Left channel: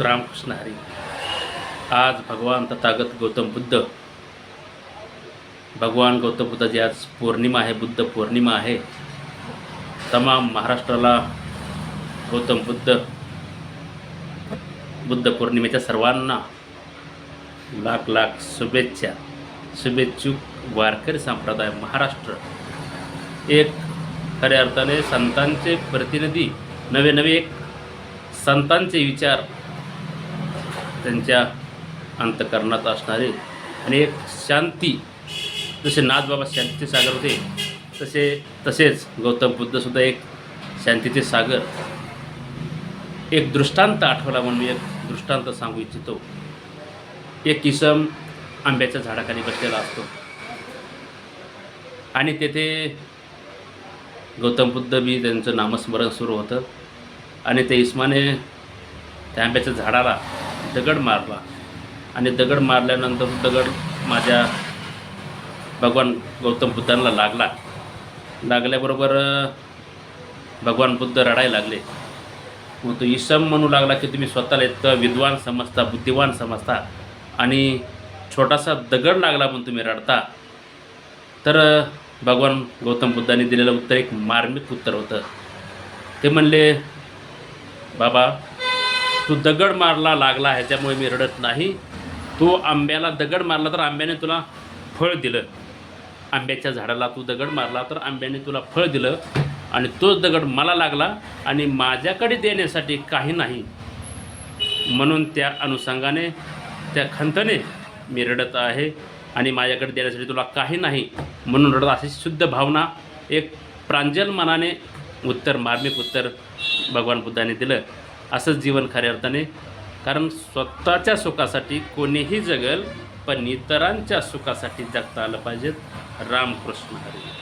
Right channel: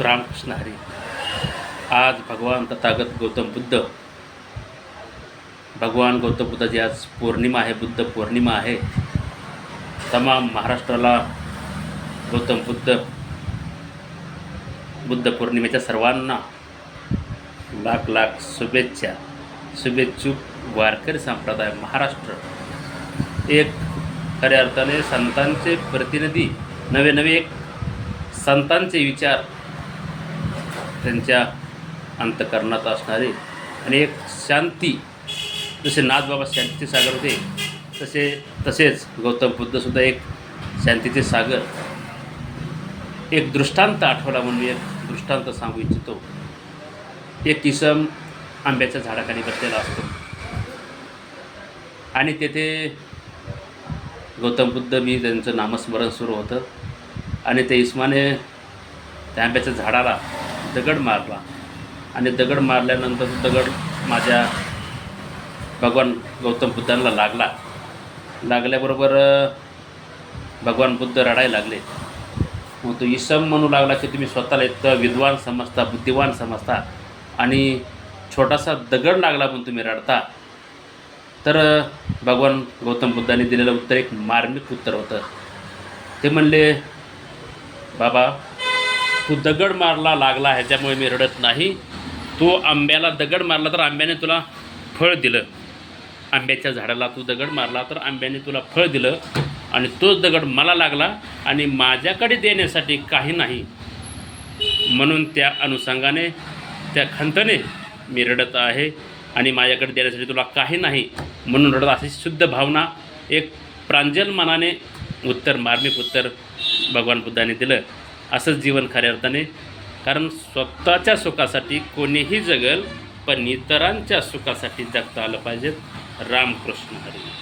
रामकृष्ण हरी. आज भगवान तथागत गौतम बुद्ध भगवान गौतम बुद्धाची आज पौर्णिमा आहे बुद्ध पौर्णिमा आहे. तमाम महाराष्ट्राला गौतम बुद्ध बुद्ध पौर्णिमेच्या सर्वांना लाख लाख शुभेच्छा शुभेच्छुक वारकरी संप्रदाय महाराष्ट्र. एक खऱ्या अर्थाने संतांचे प्रतिनिधी नवे नवे एक संतांचे विचार त्यांच्या अंतकरणात असणारे आणि एक शांती जसे नाथबाबा शांतीचे सागर होते तसे तसेच गौतम बुद्धसुद्धा एक शांतीचे सागर. एक दृष्टांत आठवला म्हणून एक दृष्टांत सांगू इच्छितो. एक किसम आंब्याच्या झाडाखाली बसलेला असतो. आणि तेथे गौतम बुद्ध मी त्यांचं नामस्मरण सुरू होतं. आणि ते इस्माने त्या आंब्याच्या झाडाला दगड मारला. आणि दगड मारल्यानंतर दगड माझ्या भगवान गौतम बुद्धांना लागला. लागल्याबरोबर भगवान बुद्ध रडायला लागले. मग तो इसम म्हणू लागला की तुम्ही स्वतःला इतकं विद्वान समजता बुद्धिवान समजता आणि छोटासा दगड लागला पण तुम्ही रडता. तर भगवान गौतम बुद्धांनी दिलेलं उत्तर एक मार्मिक उत्तर होतं. ते म्हणले बाबा तू दगड मारला लागला ह्याच्यामुळे मी रडत नाही. तू आंब्याला दगड मारला तर आंब्याने तुला फळ दिलं. आंब्याच्या झाडाला तू दगड मारला तर आंब्याने तुला फळ दिलं. आणि तोच दगड मला लागला आणि माझ्याकडे देण्यासाठी काही नाही. म्हणून त्या अनुषंगाने त्या खंतने मी रडत आहे आणि माझ्याकडे देण्यासाठी तुला काही नाही. म्हणून रडत अशी शुद्ध भावना एक प्रांजल मनाने उत्तर मार्मिक उत्तर भगवान बुद्धाने दिलं. असंच जीवन खऱ्या अर्थाने. कारण स्वतःच्या सुखासाठी कोणीही जगल पण इतरांच्या सुखासाठी जगता आलं पाहिजेत. रामकृष्ण हरी.